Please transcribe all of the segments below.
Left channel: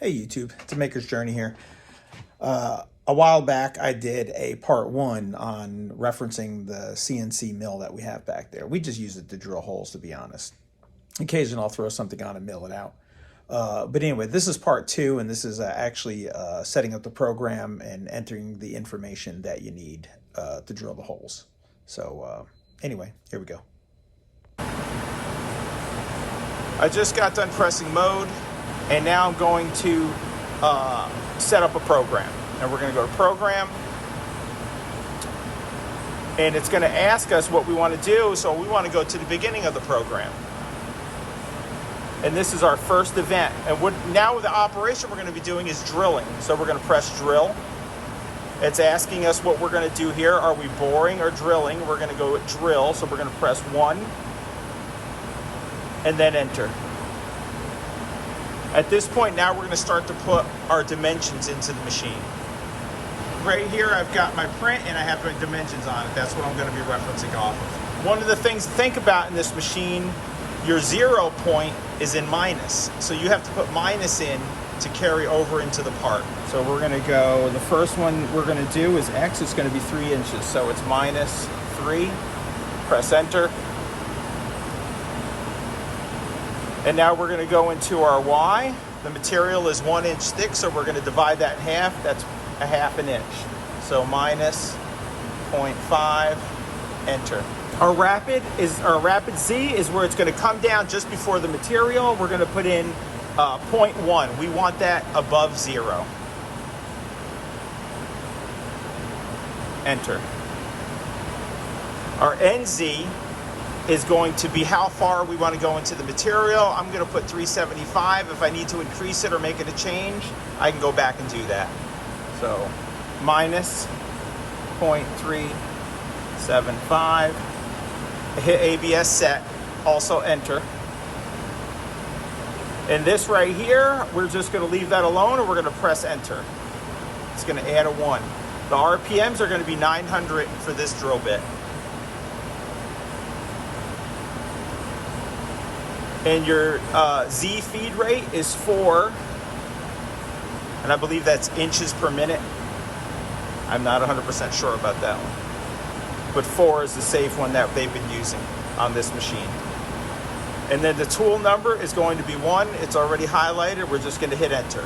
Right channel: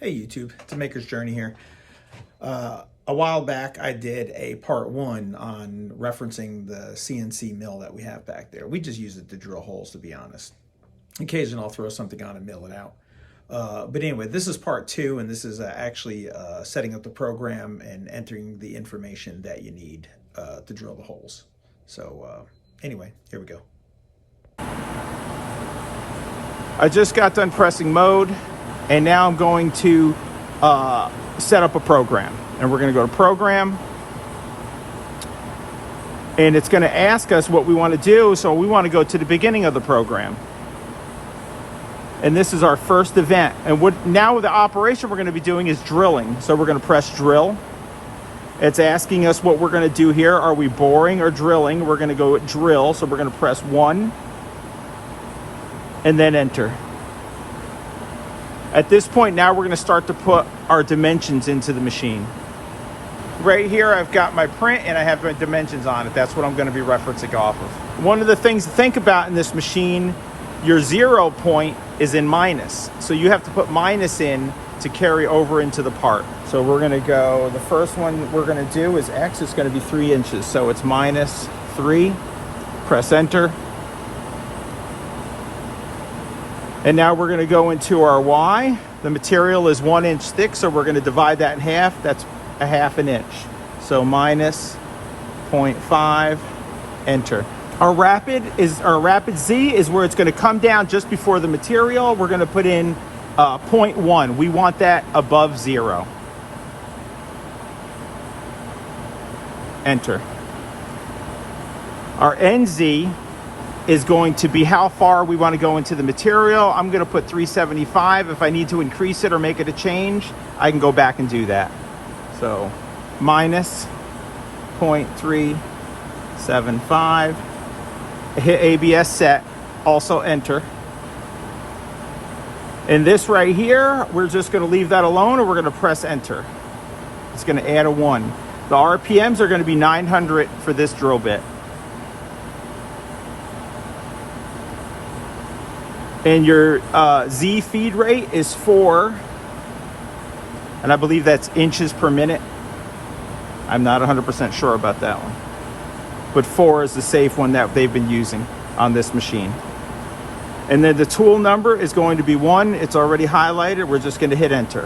Hey YouTube, it's a Maker's Journey here. A while back I did a part one on referencing the CNC mill that we have back there. We just use it to drill holes, to be honest. Occasionally I'll throw something on and mill it out. But anyway, this is part two, and this is actually setting up the program and entering the information that you need to drill the holes. So anyway, here we go. I just got done pressing mode, and now I'm going to set up a program. And we're going to go to program, and it's going to ask us what we want to do. So we want to go to the beginning of the program, and this is our first event. And what now the operation we're going to be doing is drilling. So we're going to press drill. It's asking us what we're going to do here. Are we boring or drilling? We're going to go with drill. So we're going to press 1 and then enter. At this point now we're going to start to put our dimensions into the machine. Right here I've got my print and I have my dimensions on it. That's what I'm going to be referencing off of. One of the things to think about in this machine, your 0 point is in minus. So you have to put minus in to carry over into the part. So we're going to go, the first one we're going to do is X. It's going to be 3 inches. So it's minus 3. Press enter. And now we're going to go into our Y. The material is 1 inch thick, so we're going to divide that in half. That's a half an inch. So minus 0.5, enter. Our rapid Z is where it's going to come down just before the material. We're going to put in 0.1. We want that above 0. Enter. Our NZ is going to be how far we want to go into the material. I'm going to put 375. If I need to increase it or make it a change, I can go back and do that. So minus 0.375. Hit ABS set, also enter. In this right here, we're just going to leave that alone, or we're going to press enter. It's going to add a 1. The RPMs are going to be 900 for this drill bit. And your Z feed rate is 4, and I believe that's inches per minute. I'm not 100% sure about that one, but 4 is the safe one that they've been using on this machine. And then the tool number is going to be 1. It's already highlighted. We're just going to hit enter.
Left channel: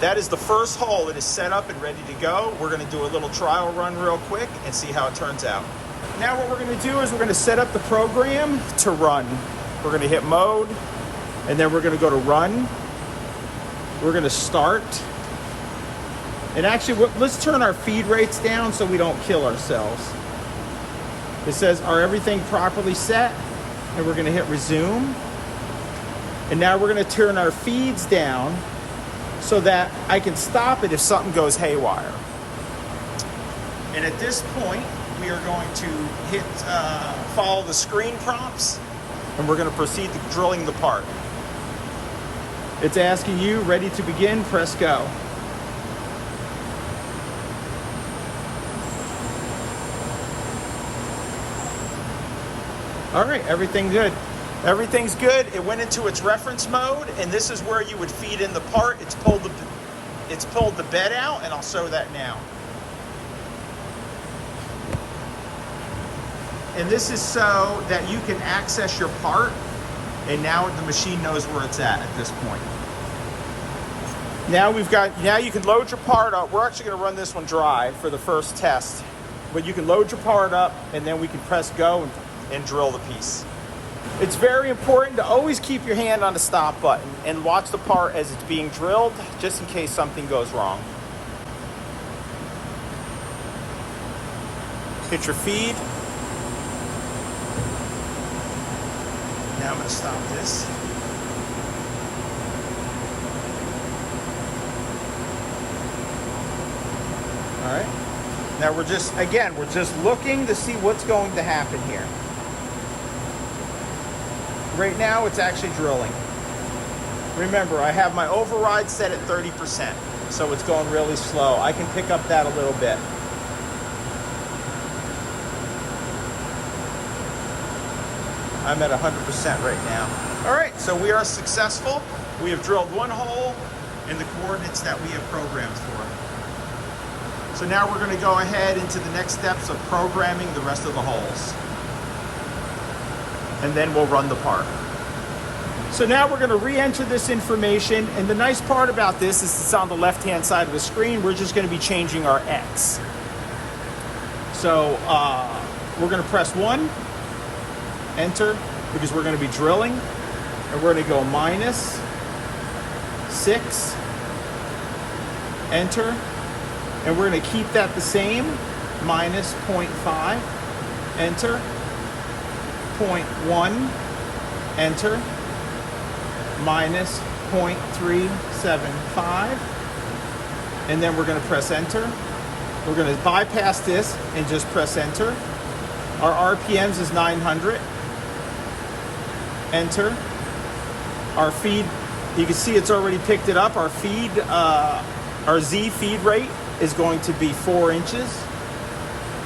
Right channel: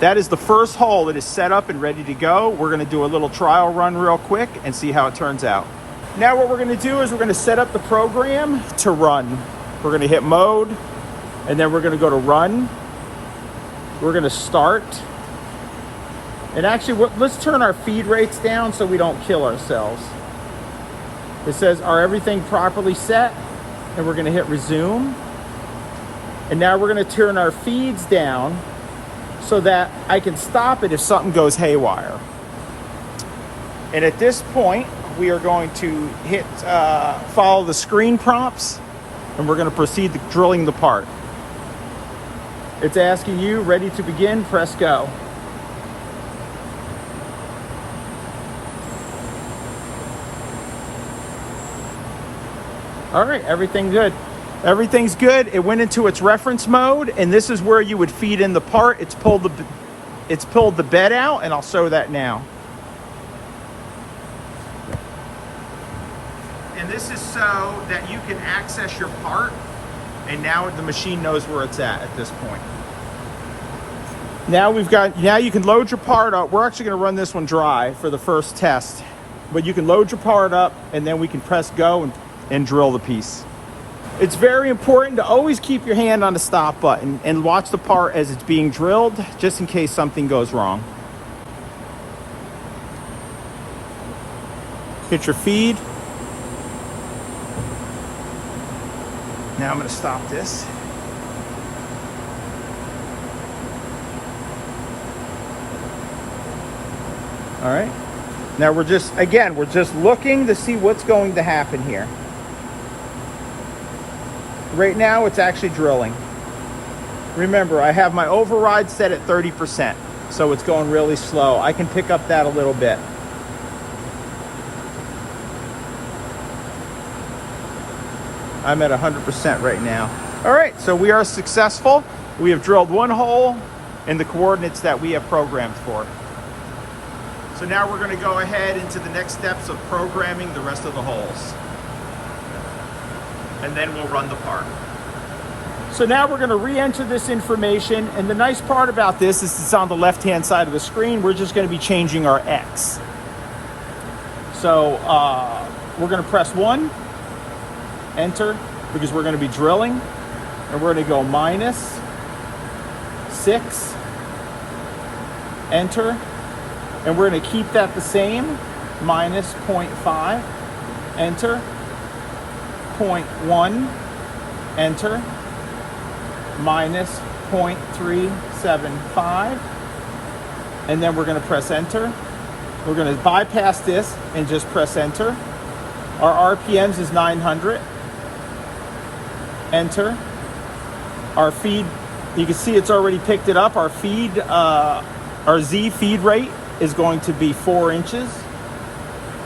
That is the first hole. It is set up and ready to go. We're going to do a little trial run real quick and see how it turns out. Now what we're going to do is we're going to set up the program to run. We're going to hit mode, and then we're going to go to run. We're going to start. And actually, let's turn our feed rates down so we don't kill ourselves. It says, are everything properly set? And we're going to hit resume. And now we're going to turn our feeds down so that I can stop it if something goes haywire. And at this point, we are going to hit follow the screen prompts, and we're going to proceed to drilling the part. It's asking you, ready to begin, press go. All right, everything good. Everything's good. It went into its reference mode, and this is where you would feed in the part. It's pulled the bed out, and I'll show that now. And this is so that you can access your part, and now the machine knows where it's at this point. Now you can load your part up. We're actually going to run this one dry for the first test, but you can load your part up, and then we can press go and drill the piece. It's very important to always keep your hand on the stop button and watch the part as it's being drilled, just in case something goes wrong. Hit your feed. Now I'm going to stop this. All right. Now we're just looking to see what's going to happen here. Right now it's actually drilling. Remember, I have my override set at 30%, so it's going really slow. I can pick up that a little bit. I'm at 100% right now. All right, so we are successful. We have drilled one hole in the coordinates that we have programmed for. So now we're going to go ahead into the next steps of programming the rest of the holes. And then we'll run the part. So now we're going to re-enter this information, and the nice part about this is it's on the left-hand side of the screen. We're just going to be changing our X. So we're going to press 1, enter, because we're going to be drilling, and we're going to go -6, enter, and we're going to keep that the same, -0.5, enter, 0.1, enter, -0.375, and then we're going to press enter. We're going to bypass this and just press enter. Our RPMs is 900. Enter. Our feed, you can see it's already picked it up. Our feed, our Z feed rate is going to be 4 inches.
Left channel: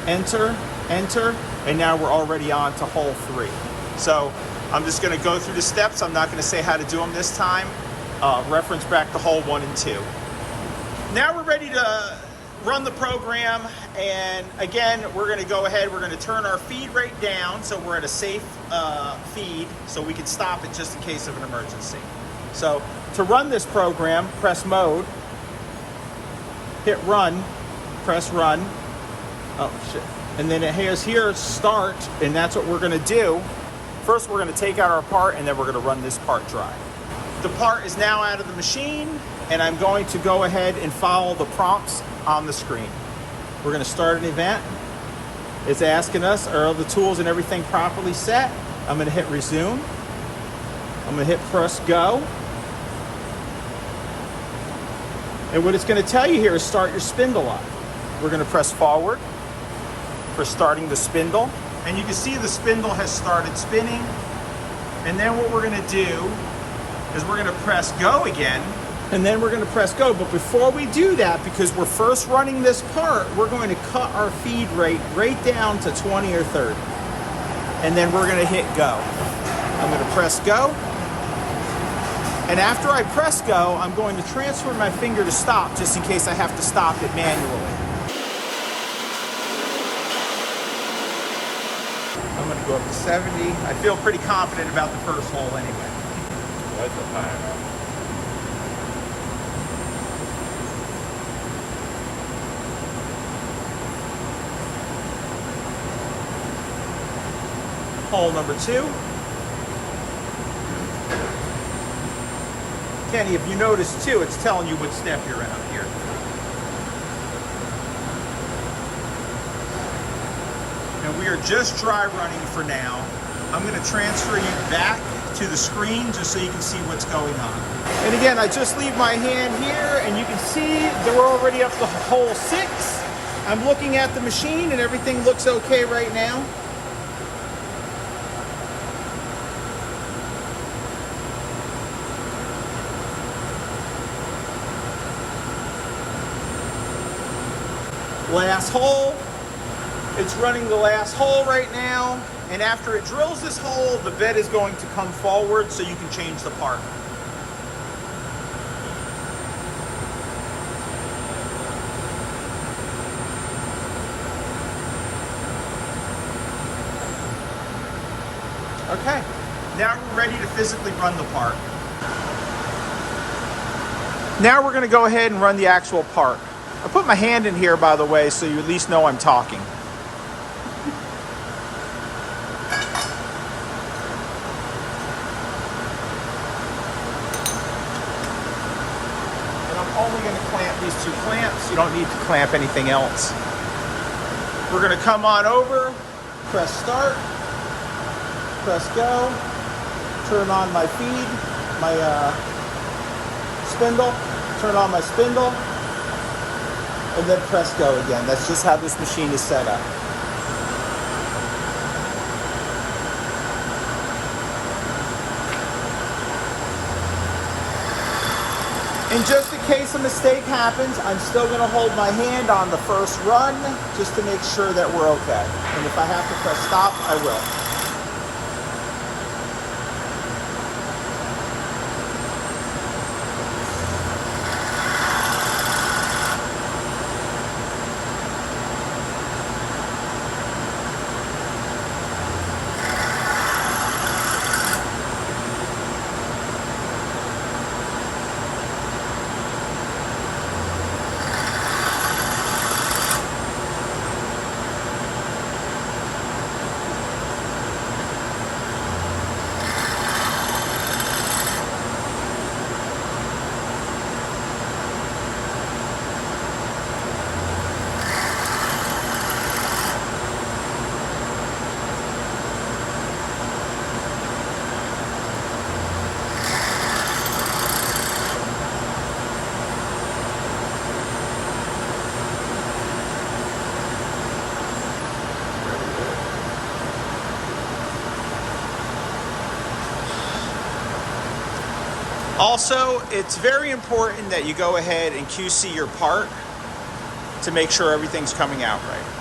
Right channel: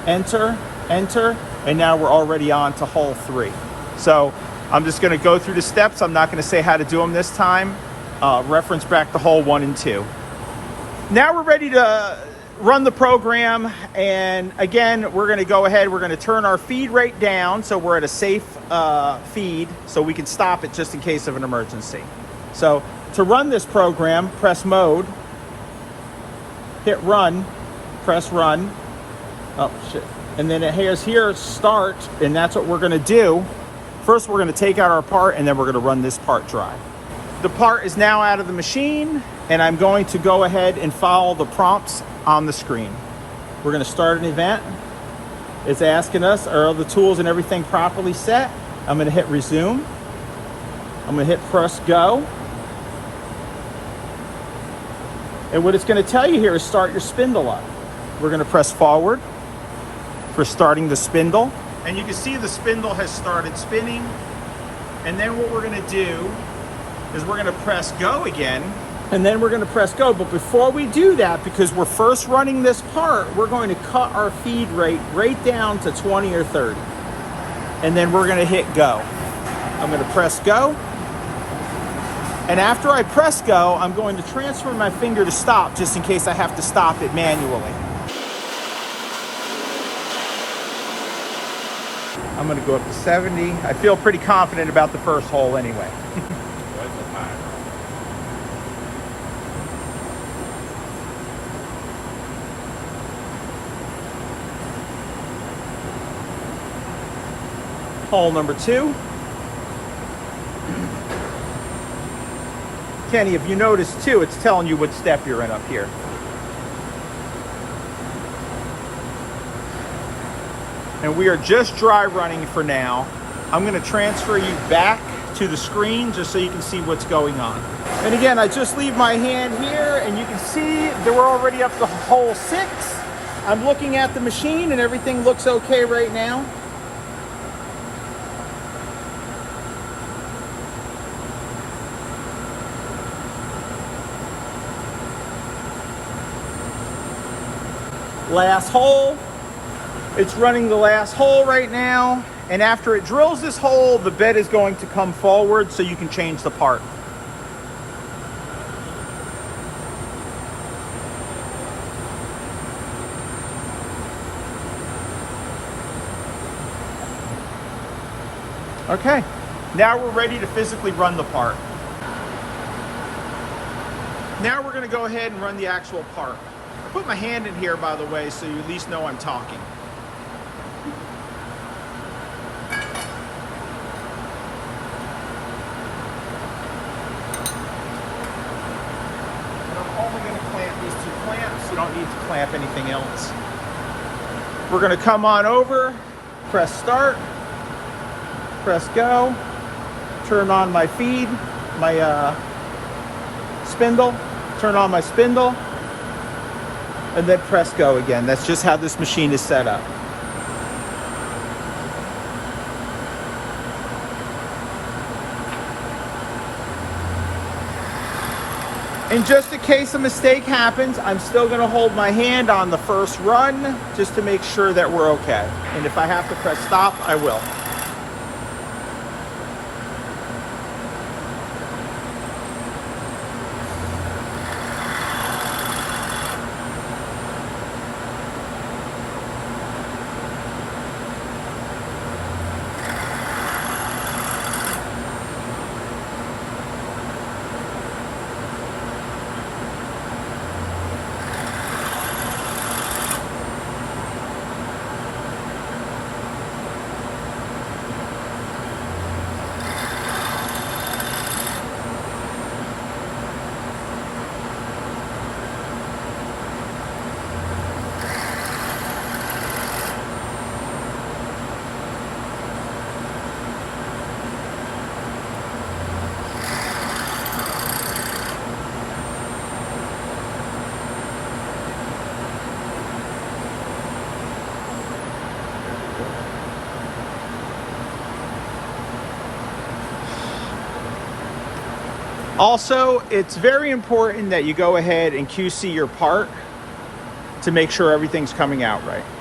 Enter, enter, and now we're already on to hole 3. So I'm just going to go through the steps. I'm not going to say how to do them this time. Reference back to hole 1 and 2. Now we're ready to run the program, and again, we're going to go ahead. We're going to turn our feed rate down so we're at a safe feed, so we can stop it just in case of an emergency. So to run this program, press mode, hit run, press run. Oh shit! And then it has here start, and that's what we're going to do. First, we're going to take out our part, and then we're going to run this part drop. The part is now out of the machine, and I'm going to go ahead and follow the prompts on the screen. We're going to start an event. It's asking us, are the tools and everything properly set? I'm going to hit resume. I'm going to hit press go. And what it's going to tell you here is start your spindle up. We're going to press forward for starting the spindle. And you can see the spindle has started spinning. And then what we're going to do is we're going to press go again. And then we're going to press go. But before we do that, because we're first running this part, we're going to cut our feed rate right down to 20 or 30. And then we're going to hit go. I'm going to press go. And after I press go, I'm going to transfer my finger to stop just in case I have to stop it manually. I'm going to go to 70. I feel pretty confident about the first hole anyway. Hole number 2. Kenny, if you notice too, it's telling you what step you're in up here. And we are just dry running for now. I'm going to transfer you back to the screen just so you can see what's going on. And again, I just leave my hand here, and you can see that we're already up to hole 6. I'm looking at the machine and everything looks okay right now. Last hole. It's running the last hole right now, and after it drills this hole, the bed is going to come forward so you can change the part. Okay, now we're ready to physically run the part. Now we're going to go ahead and run the actual part. I put my hand in here, by the way, so you at least know I'm talking. I'm only going to clamp these 2 clamps. You don't need to clamp anything else. We're going to come on over, press start, press go, turn on my feed, my spindle, turn on my spindle, and then press go again. That's just how this machine is set up. And just in case a mistake happens, I'm still going to hold my hand on the first run just to make sure that we're okay. And if I have to press stop, I will. Also, it's very important that you go ahead and QC your part to make sure everything's coming out right.